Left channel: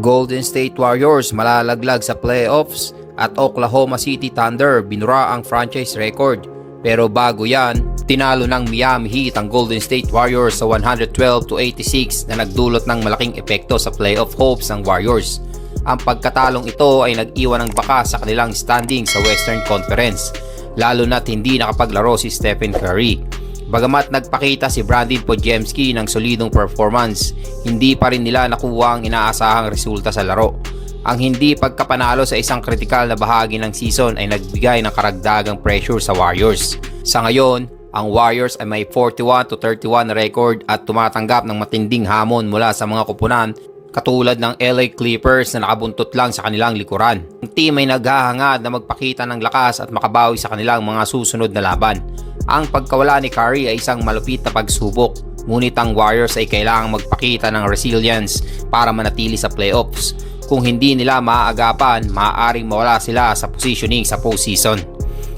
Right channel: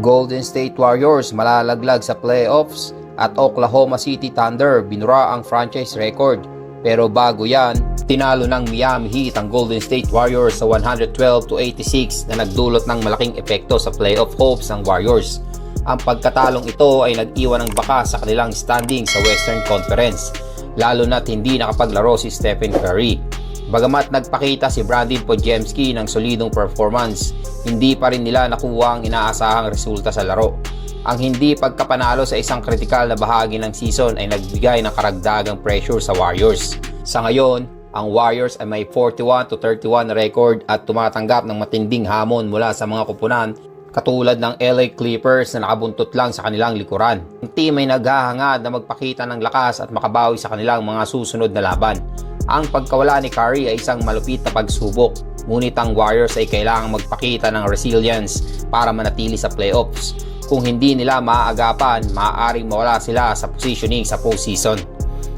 Golden State Warriors malalaglag sa playoffs at Oklahoma City Thunder binura ang franchise record. Pero bago yan, tinalo ng Miami Heat ang Golden State Warriors sa 112 to 86 na nagdulot ng malaking epekto sa playoff hopes ng Warriors. Ang pagkatalong ito ay nag-iwan ng baka sa kanilang standing sa Western Conference, lalo na't hindi nakapaglaro si Stephen Curry. Bagamat nagpakita si Brandon Podjemski ng solidong performance, hindi pa rin nila nakuha ang inaasahang resulta sa laro. Ang hindi pagkapanalo sa isang kritikal na bahagi ng season ay nagbigay ng karagdagang pressure sa Warriors. Sa ngayon, ang Warriors ay may 41 to 31 record at tumatanggap ng matinding hamon mula sa mga kupunan katulad ng LA Clippers na nakabuntot lang sa kanilang likuran. Ang team ay naghahangad na magpakita ng lakas at makabawi sa kanilang mga susunod na laban. Ang pagkawala ni Curry ay isang malupit na pagsubok, ngunit ang Warriors ay kailangang magpakita ng resilience para manatili sa playoffs. Kung hindi nila maaagapan, maaaring mawala sila sa positioning sa postseason.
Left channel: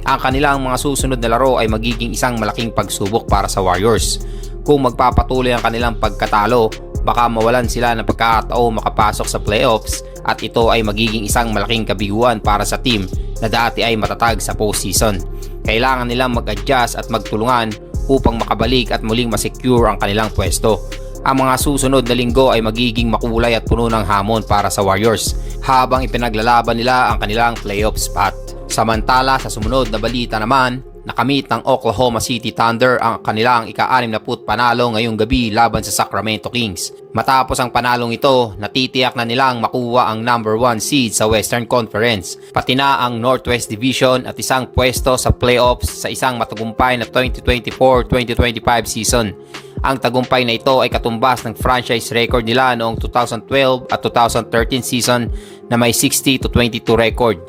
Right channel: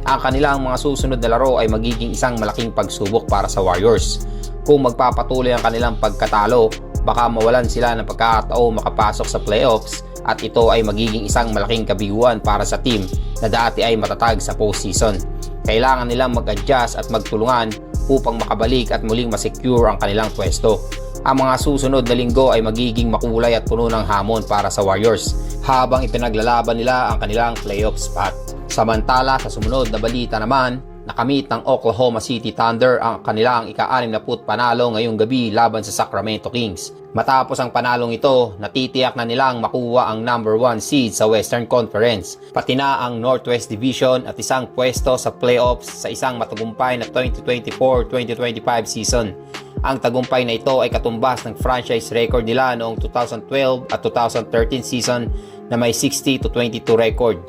Ang kanilang mga susunod na laro ay magiging isang malaking pagsubok para sa Warriors. Kung magpapatuloy ang kanilang pagkatalo, baka mawalan sila ng pagkakataon makapasok sa playoffs at ito ay magiging isang malaking kabiguan para sa team na dati ay matatag sa postseason. Kailangan nilang mag-adjust at magtulungan upang makabalik at muling masecure ang kanilang pwesto. Ang mga susunod na linggo ay magiging makulay at puno ng hamon para sa Warriors habang ipinaglalaban nila ang kanilang playoff spot. Samantala sa sumunod na balita naman, nakamit ng Oklahoma City Thunder ang kanilang ika-anim na put panalo ngayong gabi laban sa Sacramento Kings. Matapos ang panalong ito, natitiyak na nilang makuha ang number 1 seed sa Western Conference, pati na ang Northwest Division at isang pwesto sa playoffs sa isang matagumpay na 2024-2025 season. Ang tagumpay na ito ay katumbas ng franchise record nila noong 2012 at 2013 season na may 60 to 22 record.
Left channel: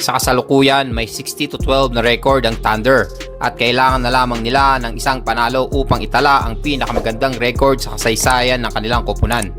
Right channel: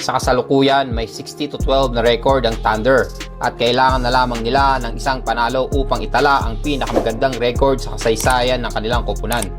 Sa kasalukuyan, may 60 to 12 na record ang Thunder at kailangan na lamang nila ng isang panalo upang itala ang pinakamagandang record sa kasaysayan ng kanilang koponan.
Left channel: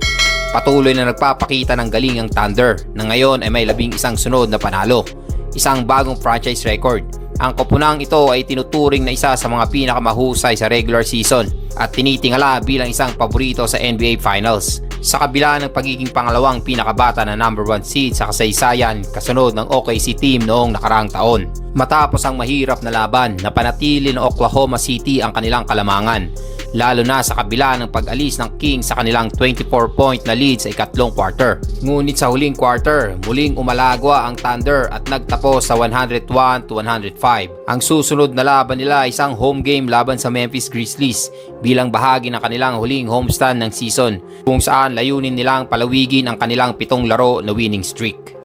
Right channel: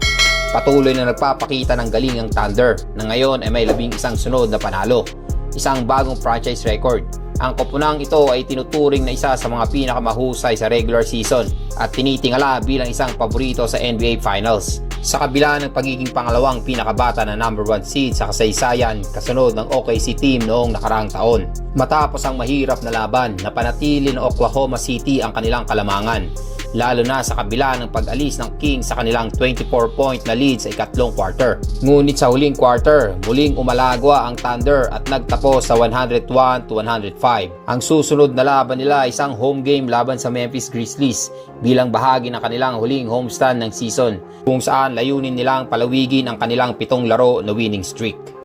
Patuloy na nagpapakita ng galing ang Thunder na ngayon ay may labing isang sunod na panalo, isang bagong franchise record. Ang koponang ito ay tinuturing na isa sa mga pinakamahusay sa regular season at tinitingala bilang isang paborito sa NBA Finals. Sa kabila ng pagiging pangalawang pinakabata na number 1 seed sa kasaysayan kasunod ng OKC team noong nakaraang taon. Matapos ang mahirap na laban, napanatili ng Oklahoma City ang kanilang kalamangan lalo na sa kabila ng pag-alis ng Kings sa kanilang 24-point na lead sa ikatlong quarter. Ngunit sa huling quarter, muling umalagwa ang Thunder at nagtapos sa 101 to 105. Ang susunod na laban nila ay isang home game laban sa Memphis Grizzlies bilang bahagi ng kanilang huling homestand ng season kung saan layunin nilang palawigin ang kanilang pitong laro na winning streak.